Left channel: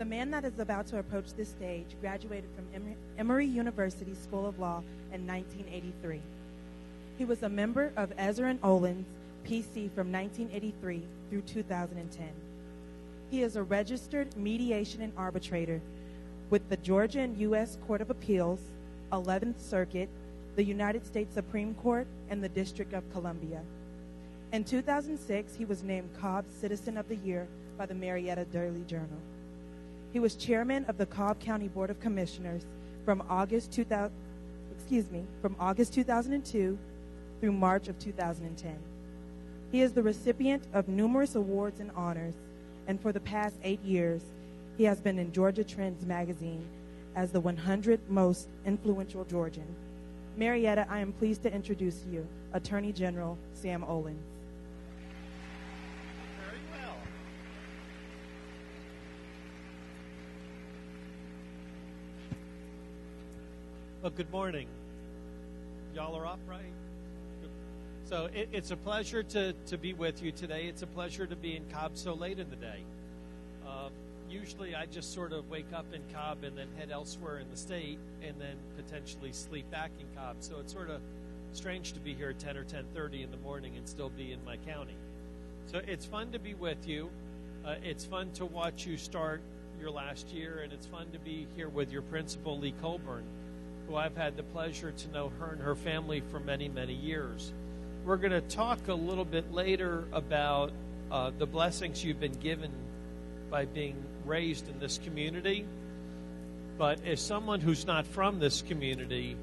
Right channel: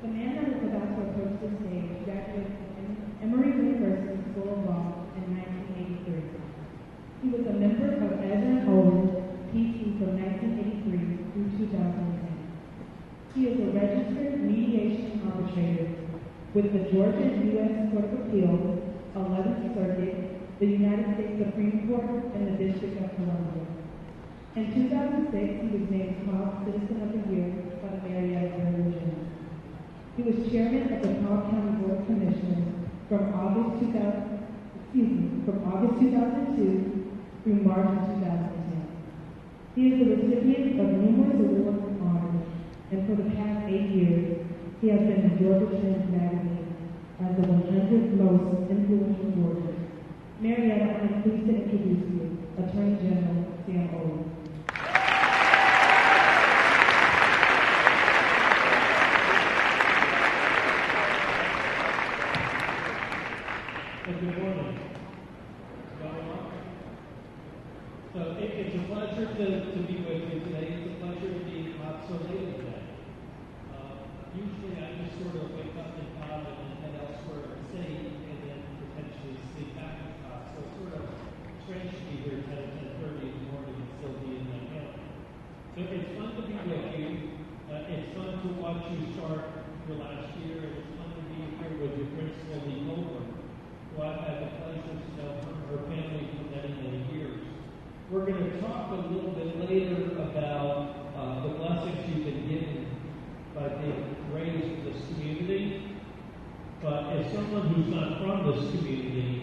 The man that is about to approach this stage graduated from Emory University School of Law in 1983. He was a member of Attorney Olens, PC from 1983 through 2010. He is a registered mediation and arbitrator with the Georgia and U.S. Court of Appeals, 11th Circuit, the United States Supreme Court, and the District of Columbia. In 2006, he was named Cobb's Citizen of the Year by the Marietta Daily Journal. He was chairman of the Cobb County Board of Commissioners from August 2002 through March of 2010. He is the recipient of numerous awards and honors, and for the past 8 years, he has been in Georgia Trends magazine as the 100 most influential Georgian. Marietta, I am pleased to introduce you, Attorney General Sam Olens. Well, good morning. Y'all are all right. So it's a pleasure to be with you today. It's a pleasure to be in Cobb so late in the day. Usually I just sort of wake up in Cobb and then head elsewhere in the state and then potentially sleep back in Cobb. So it's sort of strange to be here at 10 or 10:30 in the morning and still be in my county. So it's fun to be with you. It's fun to watch you start your last year, and it's fun to be here with your principal, Lee Colburn, who I've had the pleasure to know her and her family for many, many years. We're going to talk a little bit later about the blessings you've been given by being raised in this community. But as someone who's not from this community,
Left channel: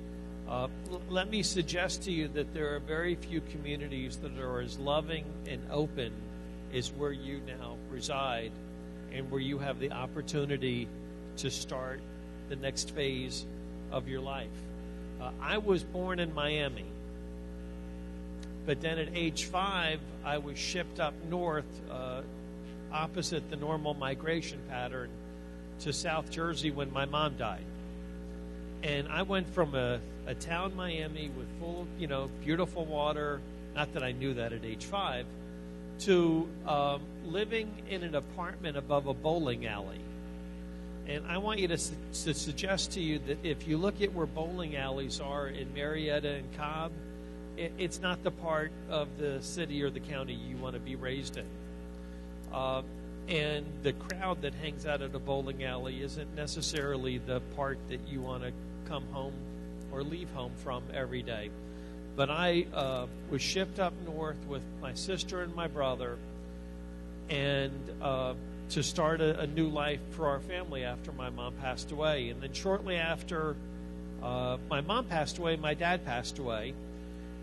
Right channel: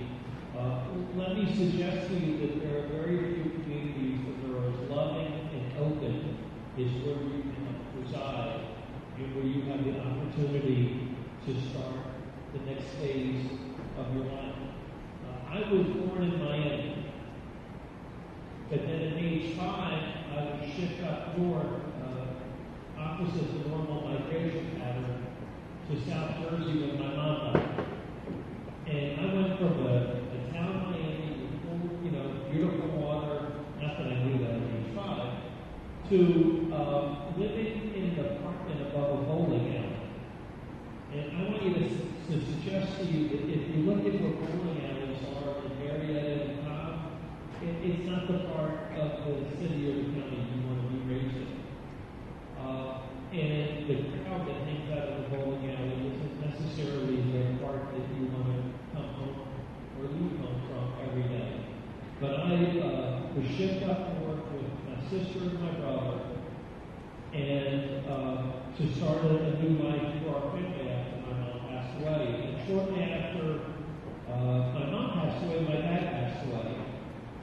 let me suggest to you that there are very few communities that are as loving and open as where you now reside and where you have the opportunity to start the next phase of your life. I was born in Miami, but then at age 5, I was shipped up north, opposite the normal migration pattern, to South Jersey when my mom died. And I went from a town, Miami, with full, beautiful water, not that I knew that at age 5, to living in an apartment above a bowling alley. And I want you to suggest to you that if you look at where bowling alleys are in Marietta and Cobb, it's not the part of the city or the county you want to be raised in. And the crowd that hangs out at the bowling alley isn't necessarily the part that you want to come home or leave home from every day. But I was shipped up north with my sister and my brother, and to start a new life for our family after my mom passed away. And then shortly after my mom passed away, my dad passed away.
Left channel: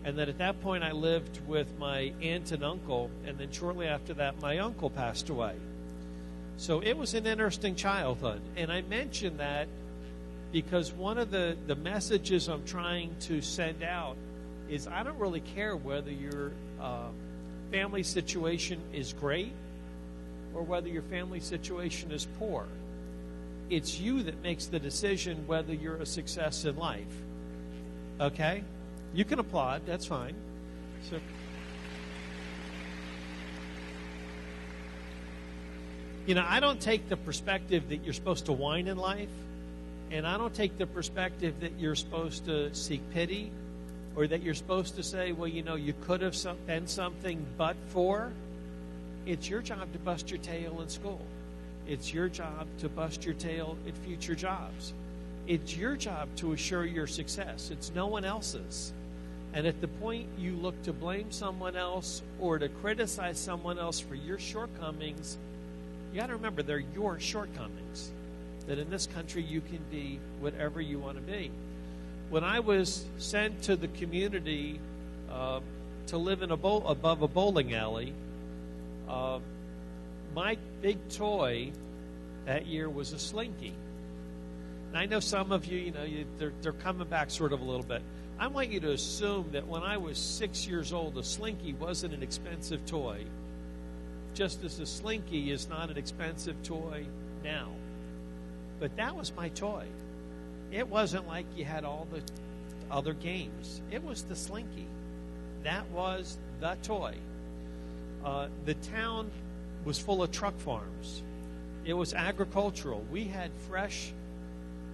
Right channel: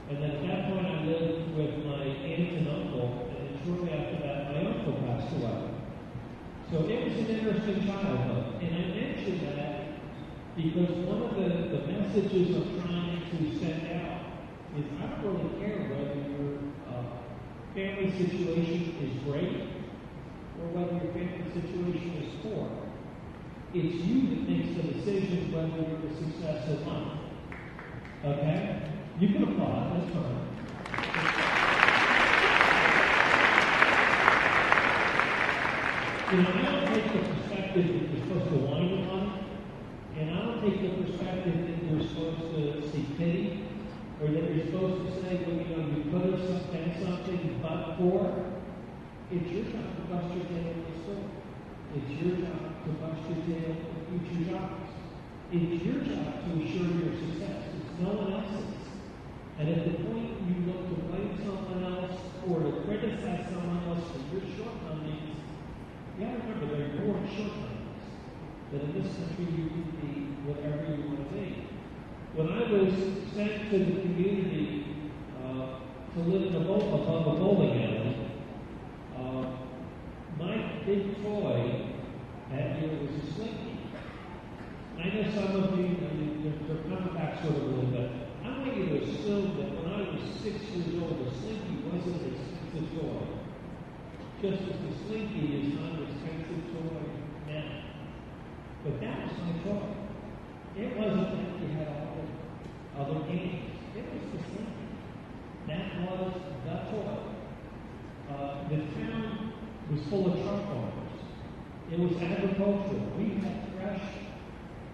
And then at that point I lived with my aunt and uncle, and then shortly after that my uncle passed away. So it was an interesting childhood. And I mention that because one of the messages I'm trying to send out is I don't really care whether your family situation is great or whether your family situation is poor. It's you that makes the decision whether you're a success in life. Okay? You can applaud, that's fine. I don't take the perspective that you're supposed to whine in life, and I don't take the perspective that you're supposed to seek pity, or that you're supposed to say, well, you could have been something but for. It's your job to bust your tail in school. It's your job to bust your tail in future jobs. It's your job to assure your success. It's no one else's. And at the point you look to blame someone else or to criticize someone else for your shortcomings, you got to remember they're your shortcomings. That in this country you can be whatever you want to be. When I was sent to the community to live above a bowling alley, my big toy that year was a slinky. And I know some of you, they're coming back sort of a little bit. I want you to assume that when I was 6 years old, a slinky wasn't an expensive toy. Just as the slinky is not an expensive toy now. But that was my toy. It wasn't like you had all the other games. It was the slinky. That was the toy. The town was full of truck farms. It was agricultural. We had fresh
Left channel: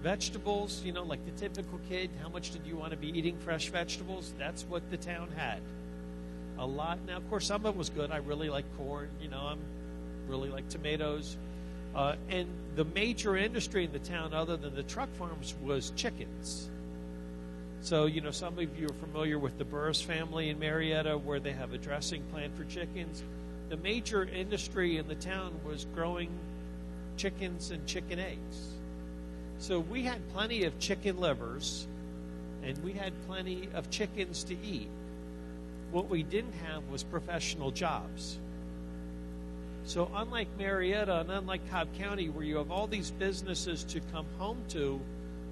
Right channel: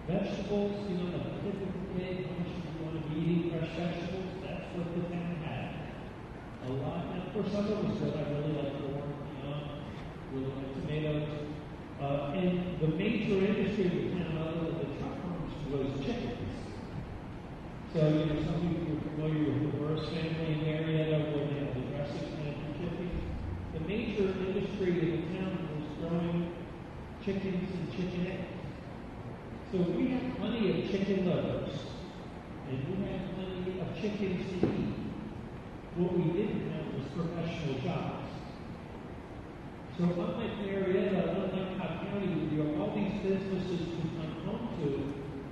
vegetables, you know, like the typical kid. How much did you want to be eating fresh vegetables? That's what the town had. A lot. Now, of course, some of it was good. I really like corn, you know, I really like tomatoes. And the major industry in the town, other than the truck farms, was chickens. So, you know, some of you are familiar with the Burris family in Marietta, where they have a dressing plant for chickens. The major industry in the town was growing chickens and chicken eggs. So we had plenty of chicken livers, and we had plenty of chickens to eat. What we didn't have was professional jobs. So unlike Marietta, and unlike Cobb County, where you have all these businesses to come home to,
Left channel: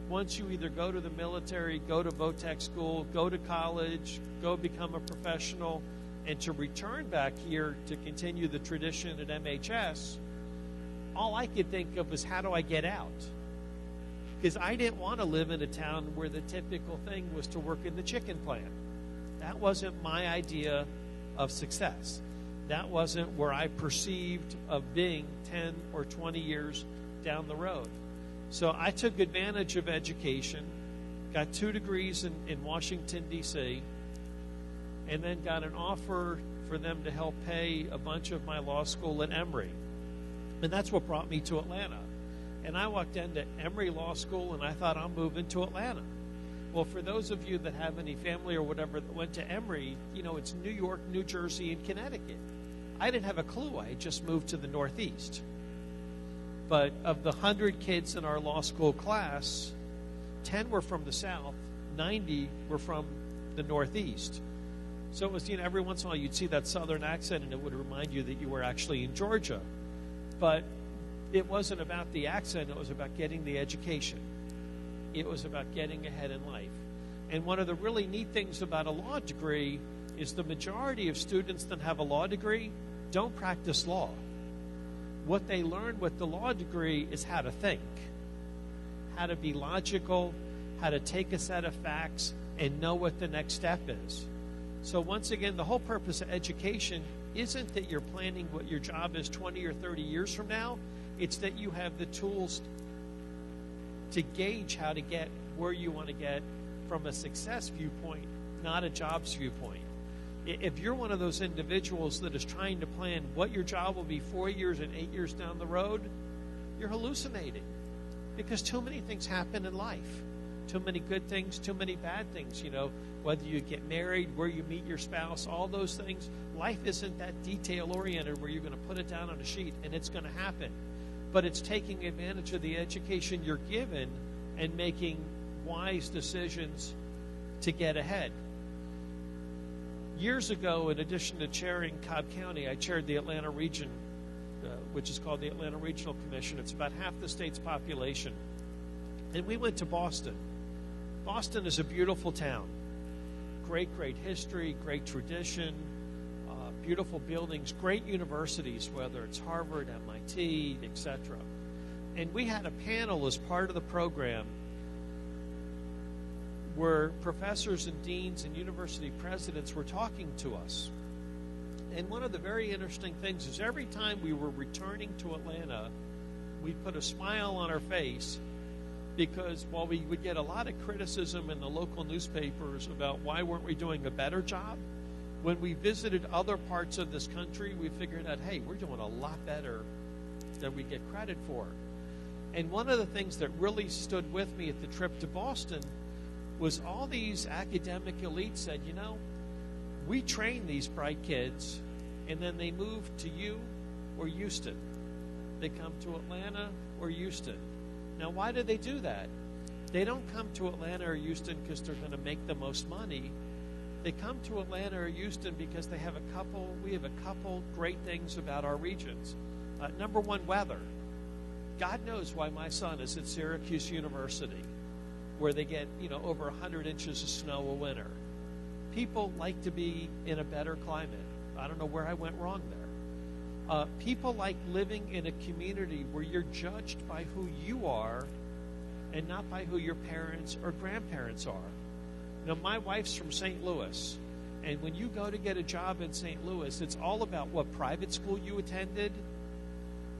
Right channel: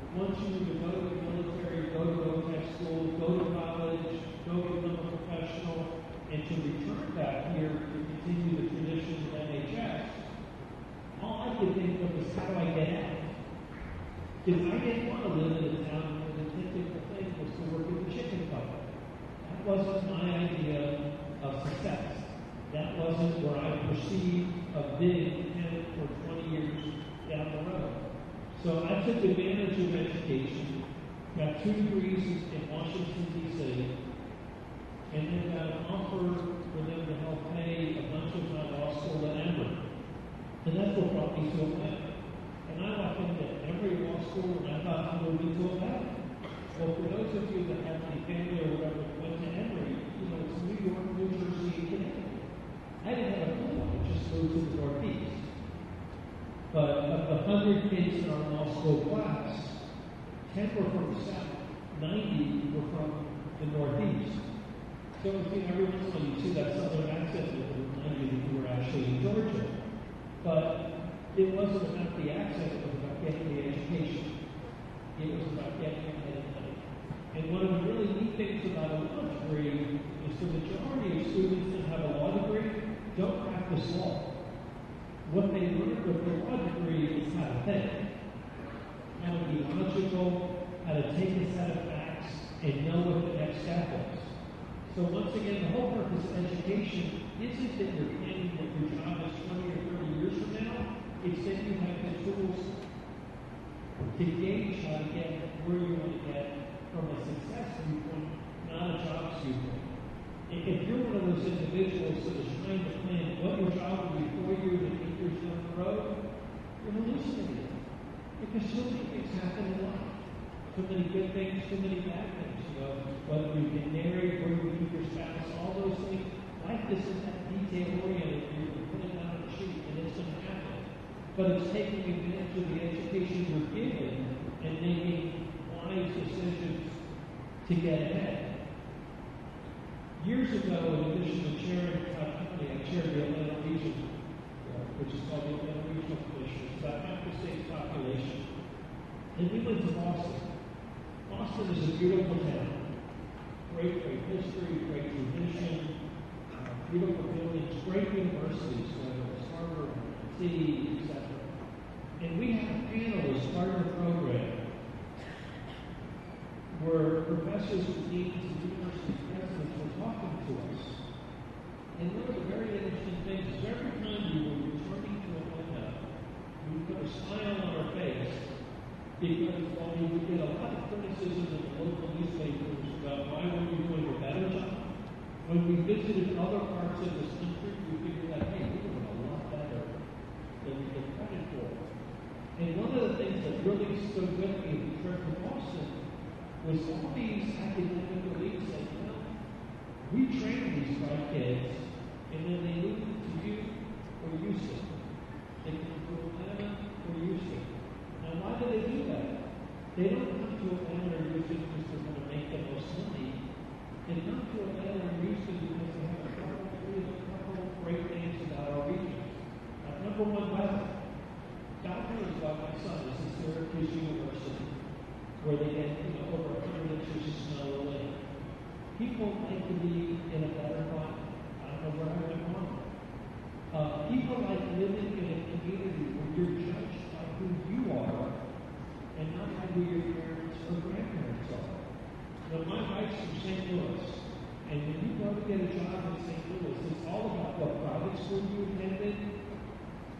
once you either go to the military, go to VOTEC school, go to college, go become a professional, and to return back here to continue the tradition at MHS, all I could think of was, how do I get out? Because I didn't want to live in a town where the typical thing was to work in the chicken plant. That wasn't my idea of success. That wasn't where I perceived of being 10 or 20 years down the road. So I took advantage of education, got 2 degrees in Washington, D.C., and then got an offer for them to help pay a bunch of my law school at Emory. And that's what brought me to Atlanta. And I walked into Emory Law School and I thought, I'll move into Atlanta. Well, for those of you that have any family or whatever that went to Emory, you know, it's New York, New Jersey, and Connecticut. I didn't have a clue. I just moved to the Northeast. But of the 100 kids in our law school class, 10 were from the South, 90 were from the Northeast. So it was, you know, every once in a while you'd see that Southern accent that would remind you that you were actually in Georgia. But it wasn't about the accent, it was about getting the education. It was about getting ahead in life. And one of the really neat things about a law degree is the majority of students that have a law degree don't practice law. What they learn with the law degree is how to think, how to be logical, how to take a set of facts and know what the next step is. So once again, the whole purpose of education isn't that you're planning what your job is 20 or 30 years from now. It's that you have the tools to gauge how to get where you want to get from a success viewpoint, not a jobs viewpoint. If you're one of those individuals that is trying to plan what your job will be 4 years and 8 years down the road, you're hallucinating. Because too many things happen in life. Too many good things, too many bad things, you know, whether you get married, where you meet your spouse, all those things. Life isn't that detail-oriented where you're going to put it down on a sheet and it's going to happen. But it's taking advantage of the education you're given and making wise decisions to get ahead. Years ago, in addition to chairing Cobb County, I chaired the Atlanta region, which is called the Atlanta Regional Commission. It's about half the state's population. And we went to Boston. Boston is a beautiful town. Great, great history, great tradition, beautiful buildings, great universities, whether it's Harvard, MIT, etc. And we had a panel as part of the program where professors and deans and university presidents were talking to us. And one of the very interesting things is every time we were returning to Atlanta, we put a smile on our face because while we would get a lot of criticism in the local newspapers about why weren't we doing a better job, when we visited other parts of this country, we figured out, hey, we're doing a lot better than we get credit for. And one of the things that really stood with me at the trip to Boston was all these academic elites said, you know, we train these bright kids, and then they move to you or Houston. They come to Atlanta or Houston. Now, why do they do that? They don't come to Atlanta or Houston because they're going to make the most money. They come to Atlanta or Houston because we have a couple great things about our regions. Number one, weather. God knows why my son is at Syracuse University, where they get, you know, over 100 inches of snow a winter. People like to be in a better climate. I don't know where I went wrong there. People like living in a community where you're judged by who you are and not by who your parents or grandparents are. Now, my wife's from St. Louis, and when you go to get a job in St. Louis, it's all about what private school you attended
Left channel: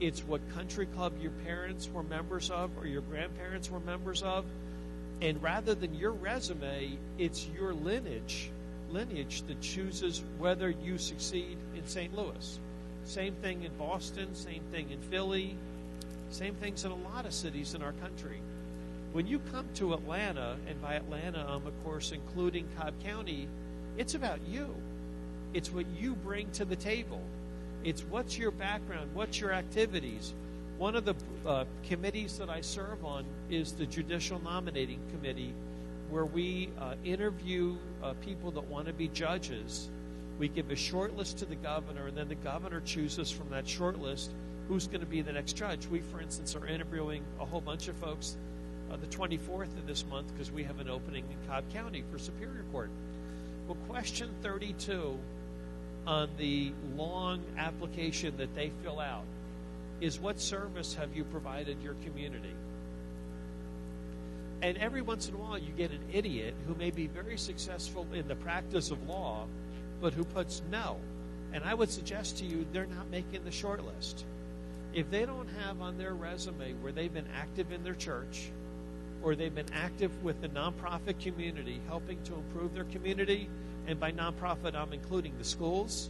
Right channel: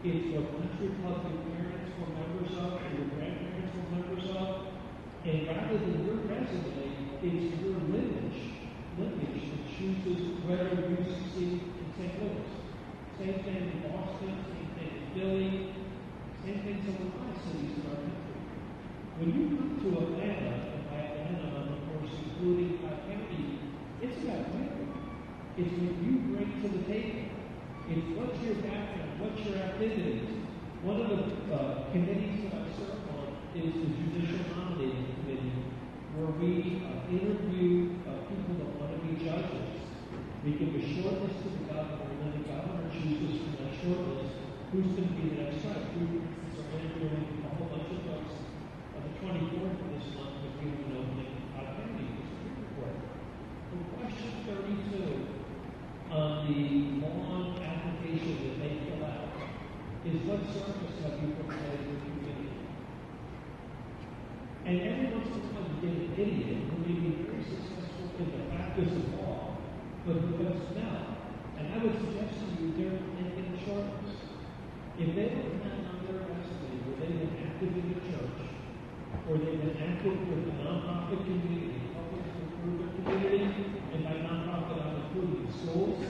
It's what country club your parents were members of or your grandparents were members of. And rather than your resume, it's your lineage that chooses whether you succeed in St. Louis. Same thing in Boston, same thing in Philly, same things in a lot of cities in our country. When you come to Atlanta, and by Atlanta I'm of course including Cobb County, it's about you. It's what you bring to the table. It's what's your background, what's your activities. One of the committees that I serve on is the Judicial Nominating Committee, where we interview people that want to be judges. We give a short list to the governor, and then the governor chooses from that short list who's going to be the next judge. We, for instance, are interviewing a whole bunch of folks on the 24th of this month because we have an opening in Cobb County for Superior Court. Well, question 32 on the long application that they fill out is, what service have you provided your community? And every once in a while you get an idiot who may be very successful in the practice of law, but who puts no. And I would suggest to you, they're not making the short list. If they don't have on their resume where they've been active in their church, or they've been active with the nonprofit community, helping to improve their community, and by nonprofit I'm including the schools,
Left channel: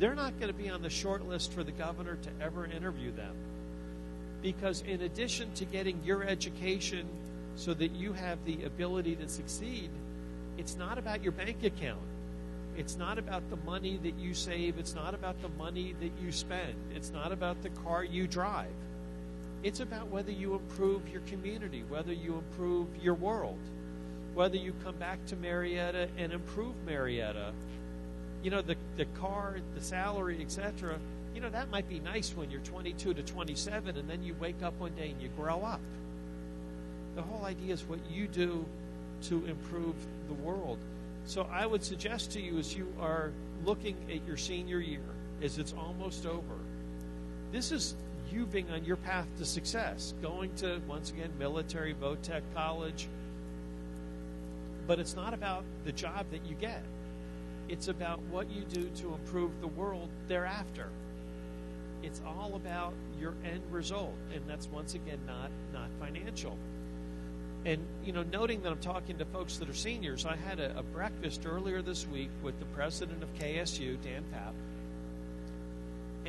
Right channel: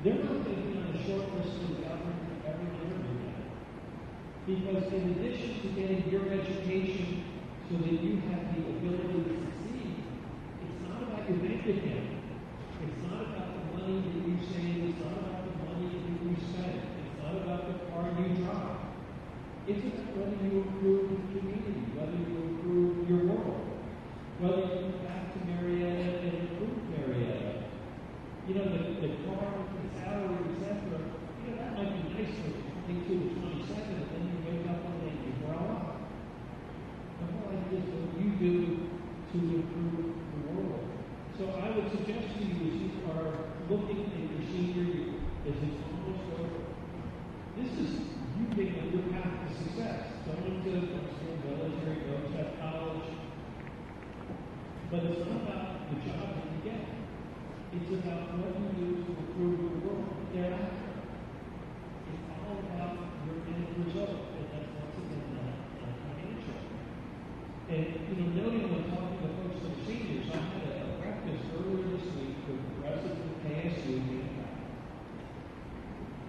they're not going to be on the short list for the governor to ever interview them. Because in addition to getting your education so that you have the ability to succeed, it's not about your bank account. It's not about the money that you save. It's not about the money that you spend. It's not about the car you drive. It's about whether you improve your community, whether you improve your world, whether you come back to Marietta and improve Marietta. You know, the car, the salary, etc., you know, that might be nice when you're 22 to 27 and then you wake up one day and you grow up. The whole idea is what you do to improve the world. So I would suggest to you, as you are looking at your senior year, as it's almost over, this is you being on your path to success, going to, once again, military, Tech college. But it's not about the job that you get. It's about what you do to improve the world thereafter. It's all about your end result, and that's, once again, not financial. And, you know, noting that I'm talking to folks that are seniors, I had a breakfast earlier this week with the president of KSU, Dan Papp,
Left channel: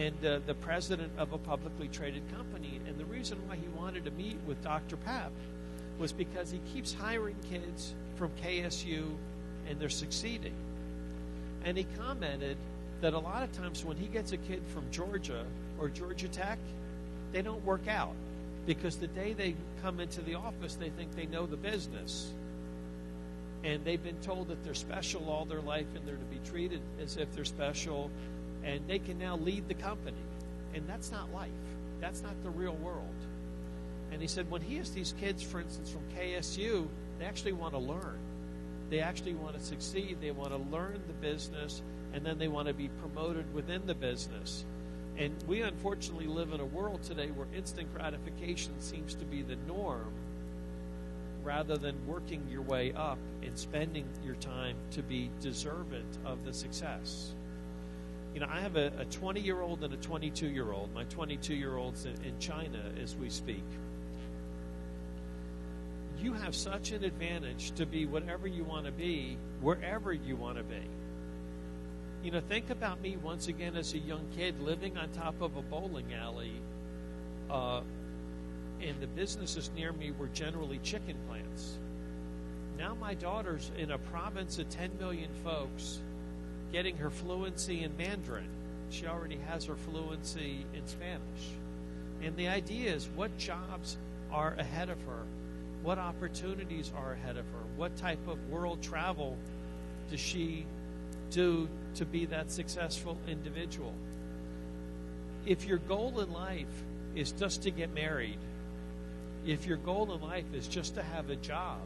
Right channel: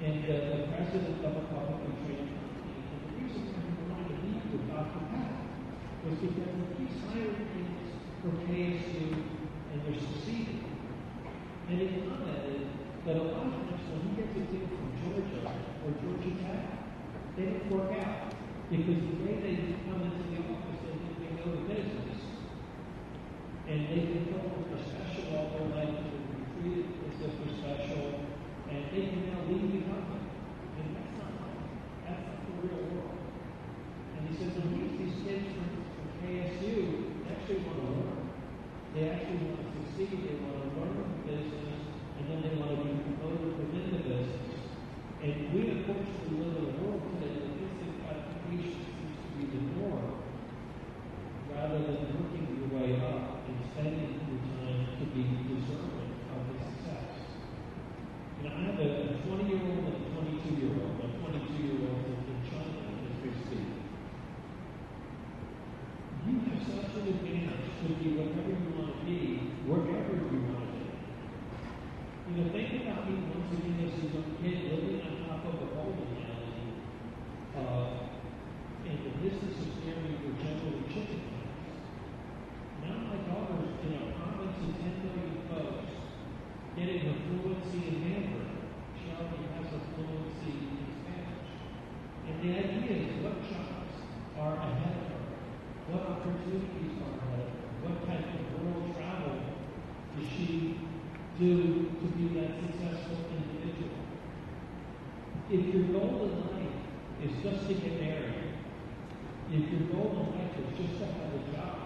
and the president of a publicly traded company. And the reason why he wanted to meet with Dr. Papp was because he keeps hiring kids from KSU, and they're succeeding. And he commented that a lot of times when he gets a kid from Georgia or Georgia Tech, they don't work out. Because the day they come into the office, they think they know the business. And they've been told that they're special all their life and they're to be treated as if they're special. And they can now lead the company. And that's not life. That's not the real world. And he said when he has these kids, for instance, from KSU, they actually want to learn. They actually want to succeed. They want to learn the business. And then they want to be promoted within the business. And we unfortunately live in a world today where instant gratification seems to be the norm, rather than working your way up and spending your time to be deserving of the success. You know, I have a 20-year-old and a 22-year-old. My 22-year-old's in China as we speak. You have such an advantage to be whatever you want to be, wherever you want to be. You know, think about me once again as a young kid living on top of a bowling alley, and the businesses near me were generally chicken plants. Now my daughter's in a province of 10 million folks getting her fluency in Mandarin. She already has her fluency in Spanish. And the idea is, what jobs are ahead of her? What opportunities are ahead of her? What type of world travel does she do to be that successful individual? If your goal in life is just to get married, if your goal in life is just to have a job,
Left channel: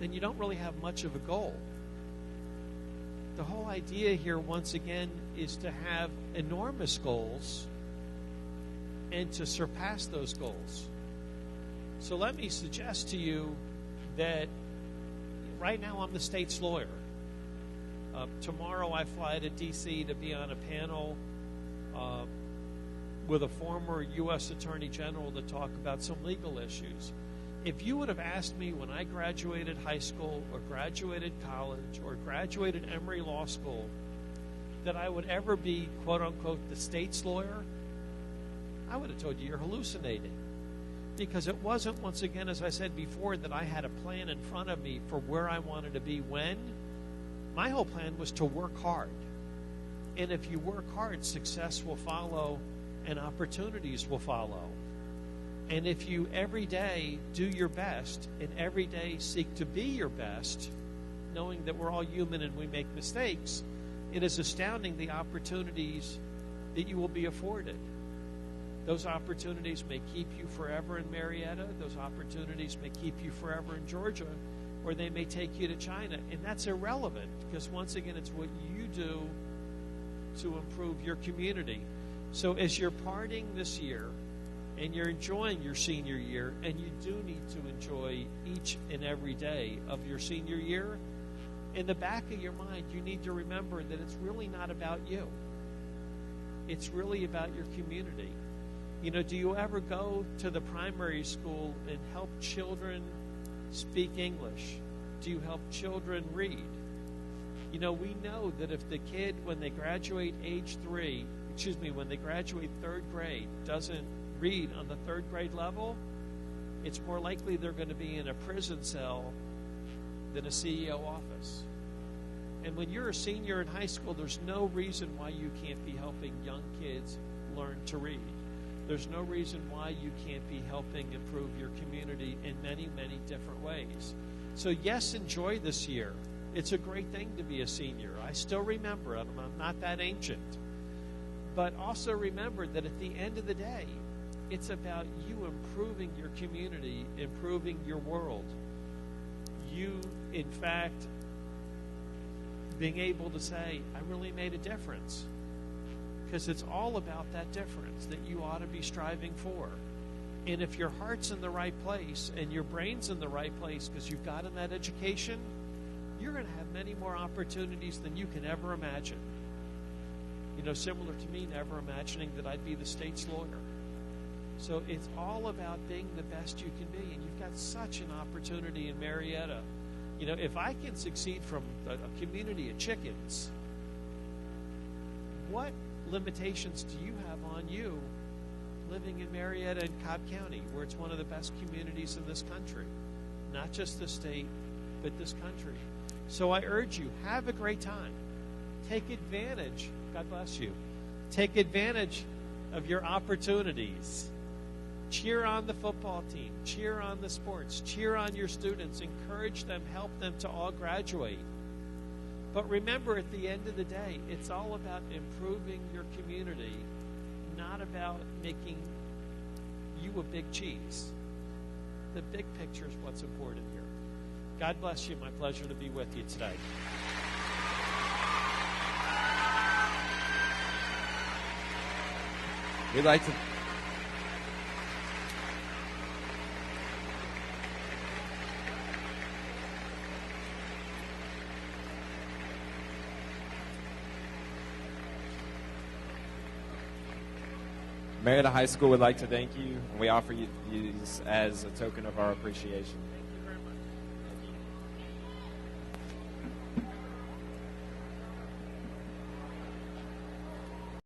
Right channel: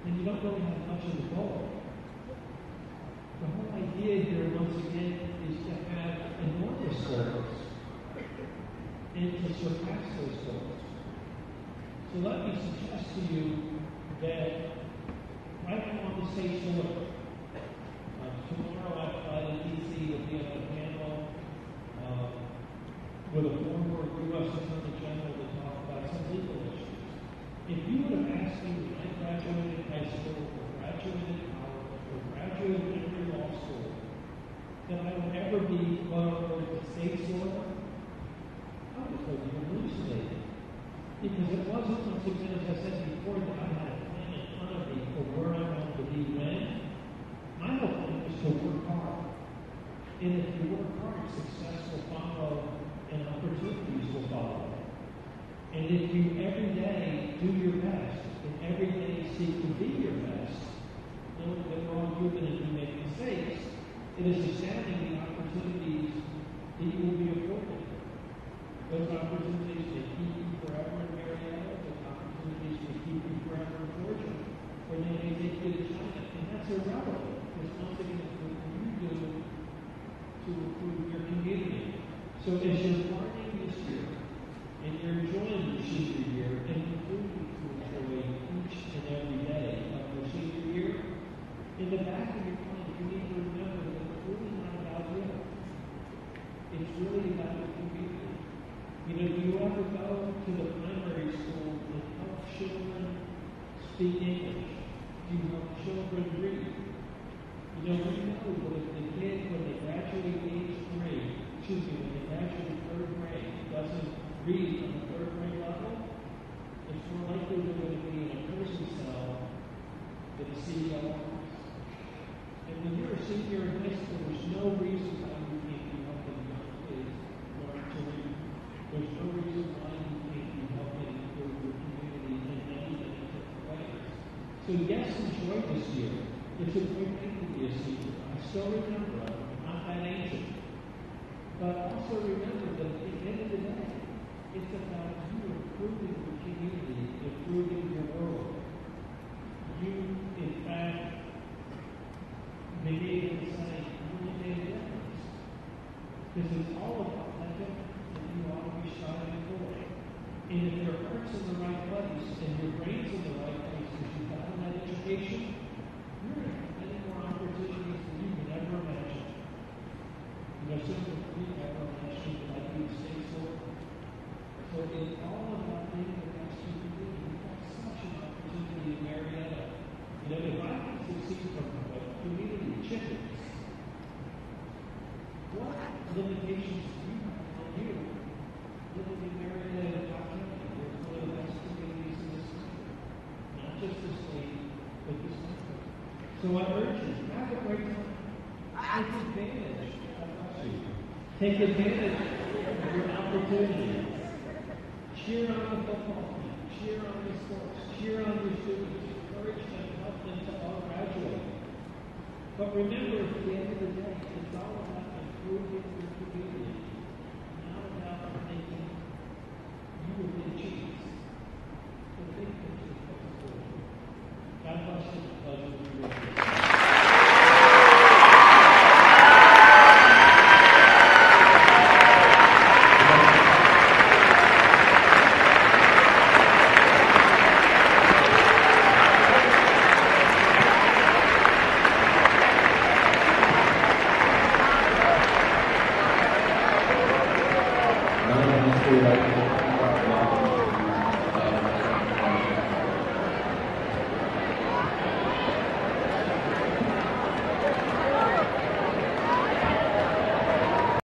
then you don't really have much of a goal. The whole idea here, once again, is to have enormous goals and to surpass those goals. So let me suggest to you that right now I'm the state's lawyer. Tomorrow I fly to D.C. to be on a panel with a former U.S. Attorney General to talk about some legal issues. If you would have asked me when I graduated high school or graduated college or graduated Emory Law School that I would ever be, quote unquote, the state's lawyer, I would have told you you're hallucinating. Because it wasn't, once again, as I said before, that I had a plan in front of me for where I wanted to be when. My whole plan was to work hard. And if you work hard, success will follow and opportunities will follow. And if you every day do your best and every day seek to be your best, knowing that we're all human and we make mistakes, it is astounding the opportunities that you will be afforded. Those opportunities may keep you forever in Marietta. Those opportunities may keep you forever in Georgia. Or they may take you to China. And that's irrelevant because once again, it's what you do to improve your community. So as you're partying this year and you're enjoying your senior year, and you do need to enjoy each and every day of your senior year, in the back of your mind, you need to remember that it's really not about you. It's really about your community. You know, do you ever go to the primary school and help children speak English? Do you help children read? You know, we know that if the kid, when they graduate when they graduate third grade, doesn't read on the third grade level, it's more likely they're going to be in a prison cell than a CEO office. And when you're a senior in high school, there's no reason why you can't be helping young kids learn to read. There's no reason why you can't be helping improve your community in many, many different ways. So yes, enjoy this year. It's a great thing to be a senior. I still remember, I'm not that ancient. But also remember that at the end of the day, it's about you improving your community, improving your world. You, in fact, being able to say, I really made a difference. Because it's all about that difference that you ought to be striving for. And if your heart's in the right place and your brain's in the right place because you've gotten that education, you're going to have many more opportunities than you can ever imagine. You know, similar to me never imagining that I'd be the state's lawyer. So it's all about being the best you can be. You've got such an opportunity in Marietta. You know, if I can succeed from a community of chickens, what limitations do you have on you living in Marietta and Cobb County, where it's one of the best communities in this country? Not just the state, but this country. So I urge you, have a great time. Take advantage. God bless you. Take advantage of your opportunities. Cheer on the football team. Cheer on the sports. Cheer on your students. Encourage them. Help them to all graduate. But remember, at the end of the day, it's all about improving your community, not about making you a big cheese. The big picture is what's important here. God bless you. My pleasure to be with you today. Marietta High School would like to thank you on behalf of